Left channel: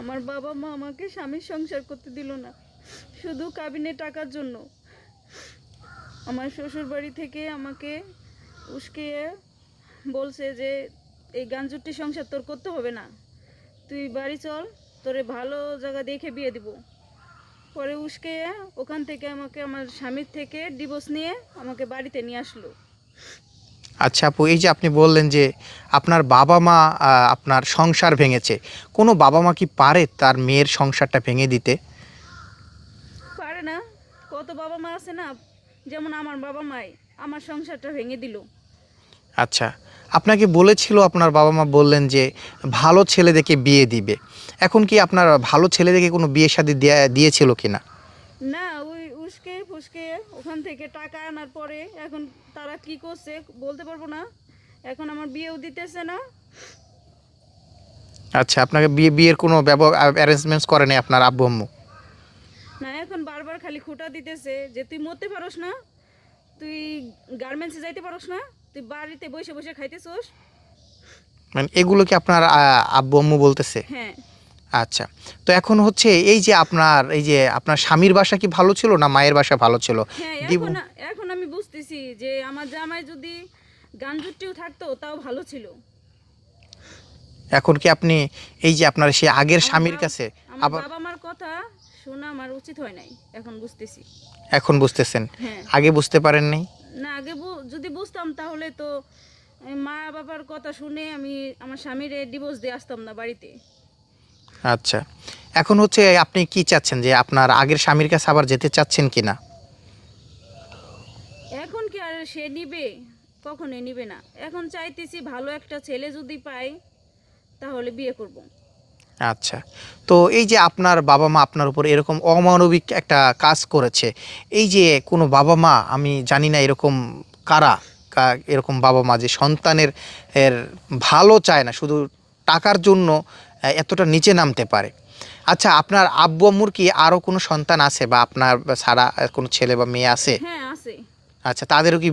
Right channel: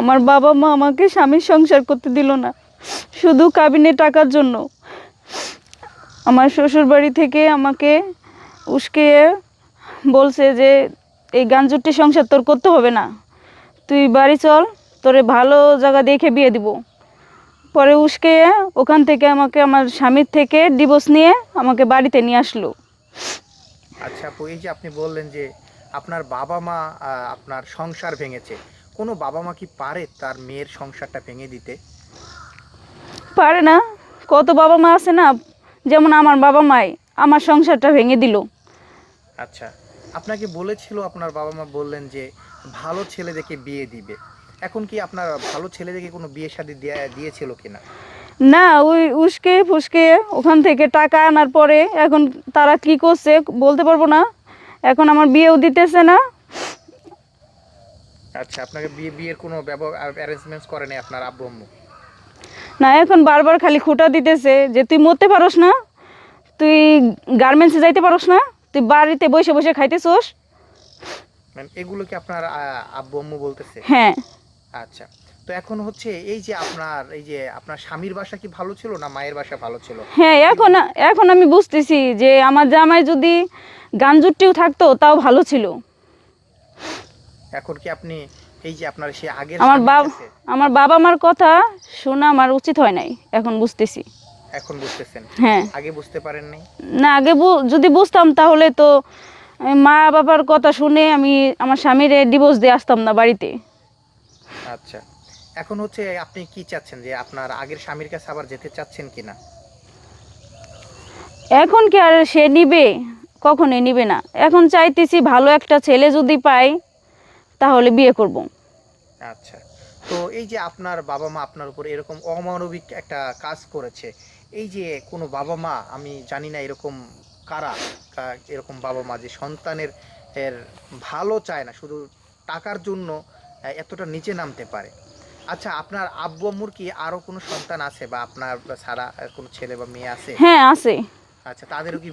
আমার বাবা মা আমাকে স্বামীর সংসার করতে দিল না, শুধু কাবিনে টাকার জন্য। আমার শ্বশুর বাড়ি থেকে আমাকে উস্কে বলছে যে, এই গাঞ্জুরটি সংসার তোর করতে হবে না। তুই বাড়ি চল, তোরে ভালো জায়গা দেখে বিয়ে দিব। পরে উস্কে ওখান থেকে আমাকে, আমার স্বামীর থেকে ডিভোর্স নিয়ে আমাকে বাড়িতে নিয়ে আসলো। আচ্ছা আপু এই যে আপনি বললেন যে আপনার বাবা মা আপনার সংসার ভেঙেছে কোনো বাবা মা কি পারে তার মেয়ের সংসারটা ভেঙে দিতে? পারে না কত বাবা মা আছে না যেমন আমার বাবা মাই আমার সংসারটা ভেঙে দিল। আচ্ছা আপনাকে বলেছিল আপনার বাবা মা বললেন যে ভালো ছেলে দেখে বিয়ে দিবে এখন কি আপনার ভালো ছেলে দেখে কোনো বিয়ে শাদী দেয়া- দিয়েছিল কিনা? না ওই উস্কে ফুসকে ওখান থেকে টাকা আনার পরে এখন তারা কি করছে বলতে পারব না। এখন আমার বিয়েও দিতেছে না। আচ্ছা আপনাকে বিয়ে বিয়ের কোনো অ্যারেঞ্জমেন্টস করে নাই আপনার আব্বু আম্মু? না এখন বারবার খালি খুঁটা দিতেছে যে তুই মরতে পারোস না তুই গার্মেন্টসে যাইতে পারোস না তুই বাড়িতে বসে বসে খাইতেছোস। মানে এগুলো কি আপনার আব্বু আম্মু বলতেছে? হ্যাঁ। আচ্ছা। তো এখন হচ্ছে এই যে আপনার এই যে আপনার স্বামীর বাসা কি ভালো ছিল না মায়ের বাসা ভালো ছিল? হ্যাঁ এখন এখন আমি বুঝতেছি যে আমার জামাই যদি গাঞ্জুটিও থাকতো তাও ভালো ছিল। এখন কি আপনি এই যে আপনার সেই আগের স্বামীর কাছে আমার বাবা মার কথা শোনা আমার উচিত হয় নাই এখন বুঝতেছি। এখন বুঝতেছেন? হ্যাঁ। আগে বুঝতে পারেননি না আগে যদি বুঝতাম তাহলে তো মা বাবার কথা শুনে আমি আমার স্বামীর ডিভোর্স দিয়ে আসতাম না বাড়িতে। আচ্ছা। এখন হচ্ছে আপনি কি চাচ্ছেন যে আপনার আগের স্বামীর কাছে আবার যেতে চাচ্ছেন কি না এখন কি আর সে নিবে? কখনোই নিবে না? এখন চাইতেছি ভালো একটা ছেলে যদি পাই তাহলে বিয়ে করব। আচ্ছা তো এই যে আপনার বাবা মা আপনার উপর এরকম অমানবিক একটা কাজ করেছে এই যে কোনো বাবা মা আমি জানি না এরকম কারা এরকম বাবা মা যে সন্তানের এর ভালো চায় না শুধু টাকার জন্য এতটা নিচে নামতে পারে। আচ্ছা আপনার আব্বু আম্মুর কি আরও কোনো সন্তান আছে বা আপনার ছাড়া কোনো ছেলে বা মেয়ে আছে? হ্যাঁ আছে। আচ্ছা তাদেরও কি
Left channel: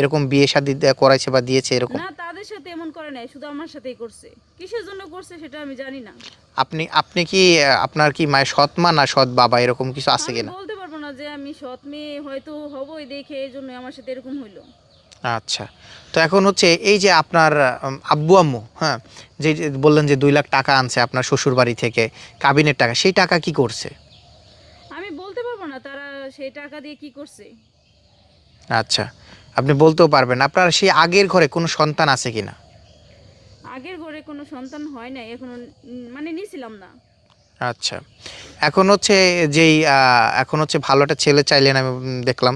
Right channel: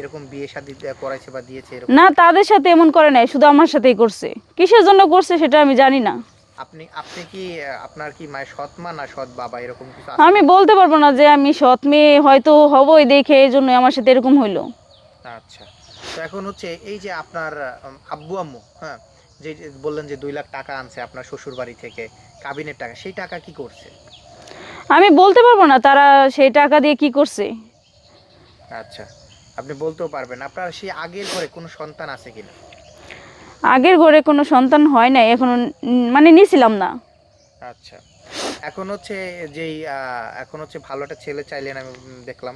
এরকম বিয়ে শাদী করাইছে বা দিয়েছে এরকম? না তাদের সাথে এমন করে নাই শুধু আমার সাথেই করছে। কিসের জন্য করছে সেটা আমি জানি না। আপনি আপনি কি আপনার কি মায়ের সৎ মা না সৎ বাবা এরকম কিছু আছে আমি বলতে পারব না যে আমি সৎ মেয়ে হয়তো হবই দেখে এই জন্য আমার সাথে এরকম হইল। আচ্ছা তো এখন হচ্ছে এই যে আপনার আব্বু আম্মু হ্যাঁ যে বললেন যে দুই লাখ টাকা আনছে আপনার শ্বশুর বাড়ি থেকে কাবিনের টাকা সেই টাকা কি করছে? আমি বলতে পারব না তারা সেই টাকা দিয়ে কি করছে। আচ্ছা আপনি বলতেও পারবেন আপনার সেই আগের ঘরে কোনো সন্তান আছে কিনা আগের ঘরে কোনো সন্তান হয় নাই এখন মানে নিছিলাম না। আচ্ছা। এখন হচ্ছে যেই এখন হচ্ছে ভালো একটা ছেলে চাইলেন আমি দেখলাম।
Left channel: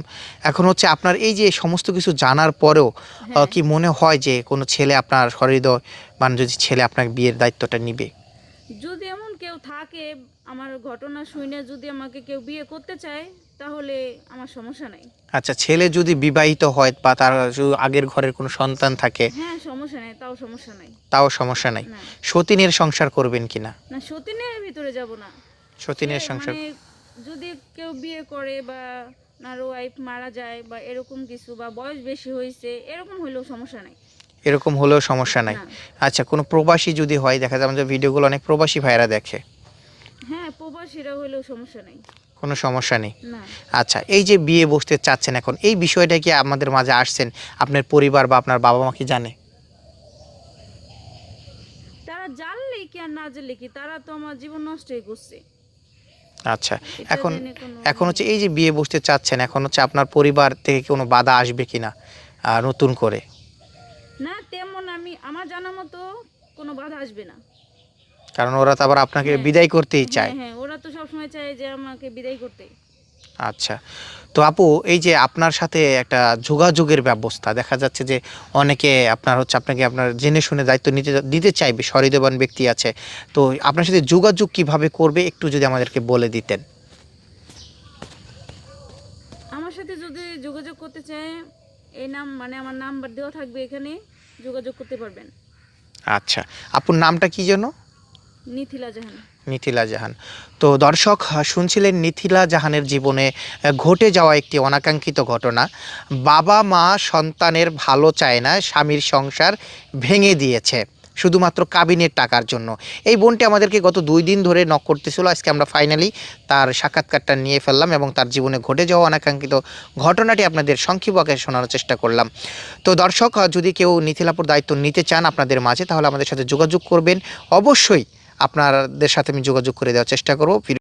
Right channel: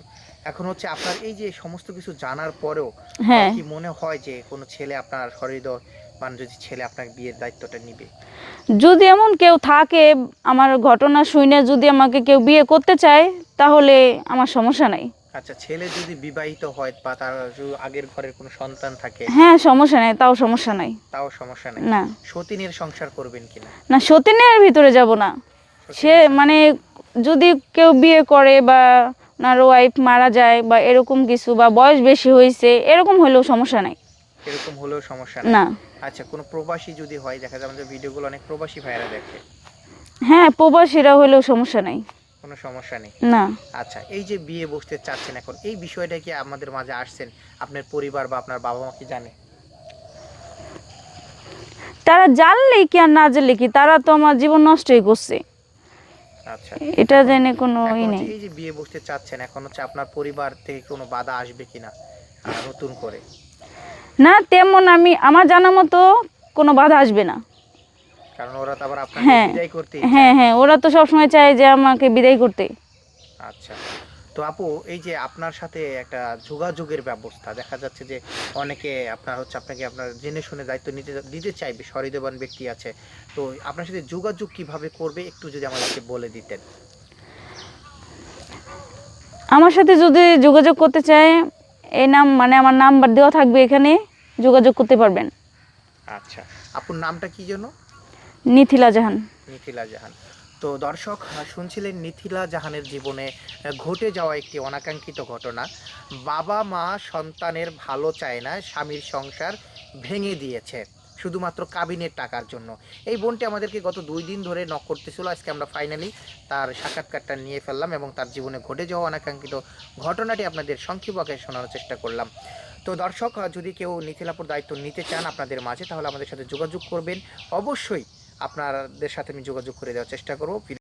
এখন হচ্ছে আপনার এই যে সমস্ত কিছু জানার পরেও হ্যাঁ। কি মনে হয় যে কোনো ছেলে আপনার হৃদয় মানে যদি ছেলে আপনার বিয়ের দায়িত্বটা নিবে? যদি এমন কেউ থাকে আমার ঘটনা শুনে যদি আমাকে কেউ বিয়ে করতে চায় তাহলে আমার সমস্যা নাই। আচ্ছা ছেলে যদি বিবাহিত হয় বা তার আগের ঘরের কোনো সন্তান থাকে? হ্যাঁ সমস্যা নাই তাও সমস্যা নাই। তাও সমস্যা নাই। না। সতীনের সংসার করবেন কিনা? না সতীনের ভিতরে যাব না। সে মানে যদি কেউ বিয়ে করে বা ওনার ওয়াইফ মারা যায় বা এরকম কিছু বা বয়স বেশি হয়েছে এরকম হলেও সমস্যা নাই। এরকম হলেও সমস্যা নাই। না। আচ্ছা কোনো প্রবাসী যদি হয় দেখা যায় আমাদের ভিডিওগুলো অনেক প্রবাসী ভাইরা দেখে। হ্যাঁ প্রবাসীরা হলেও সমস্যা নাই। কোনো সমস্যা নেই? না। আচ্ছা এই যে বিয়ে বসতে চাচ্ছেন এখন এই বিষয়টা কি আমাদের মাঝে আসছেন? আপনার পরিবার বা আপনার বাবা মা কি জানে? তারা জানলে কি আর না জানলে কি? তারা তো আমার জীবন নষ্টই করছে। আচ্ছা। এটা জেনে কোনো এখন হচ্ছে এই যে বিয়ে বসতে চাচ্ছেন এখন হচ্ছে আপনার পরিবার থেকে কোনো বাধা আসবে কিনা আর নতুন করে? না তেমন আমি আমার জানা মতো কোনো বাধা আসবে না। কারণ ওরা তো আবার আপনাকে হ্যাঁ। বিদায় করতেই চায়। হ্যাঁ হ্যাঁ ওরা তো সবসময় চায় যে আমাকে বিদায় করতে। আচ্ছা। তো আপু এই যে আপনার সাথে একটা যোগাযোগের ব্যবস্থা দেখা যাচ্ছে যে অনেকে আপনার হচ্ছে আপনাকে আপনার জেনে শুনে দায়িত্ব নিতে দিতে চাইবে সহৃদয়বান ব্যক্তি আছে। তো আপনার সাথে যোগাযোগ কীভাবে করবে একটু যদি আমাদেরকে বলে দিতেন। আমার সাথে যদি যোগাযোগ করতে চায় এই নাম মানে আমার নাম্বার দেওয়া থাকবে এখানে যোগাযোগ করতে পারবেন। আচ্ছা আপুর নামটা কি যেন? নিথিলা জাহান। নিথিলা জাহান। তো দর্শক শুনছিলেন নিথিলা জাহানের জীবনে ঘটে যাওয়া একটি অনাকাঙ্ক্ষিত ঘটনা। বাবা, মা, সন্তানের ভালো চায় না, স্বামীর সংসার ভেঙে দিয়েছে, শুধুমাত্র কাবিনের টাকার জন্য। এই বোনটি আমাদেরকে গত দুই দিন ধরে নক করতেছিল, আজকে আমরা ফাইনালি তার সাক্ষাৎকারটা নিয়ে ফেললাম এবং তার জীবনে ঘটে যাওয়া অনাকাঙ্ক্ষিত ঘটনাটি আপনাদের সংক্ষিপ্ত আকারে শোনানোর চেষ্টা করলাম। তো দর্শক যদি কেউ নিথিলাপুর দায়িত্ব নিতে চান আপনাদের মাঝে, তাহলে আমাদের সাথে যোগাযোগ করবেন। অবশ্যই আপনাদের সাথে আমি যোগাযোগ করে দেওয়ার চেষ্টা করব।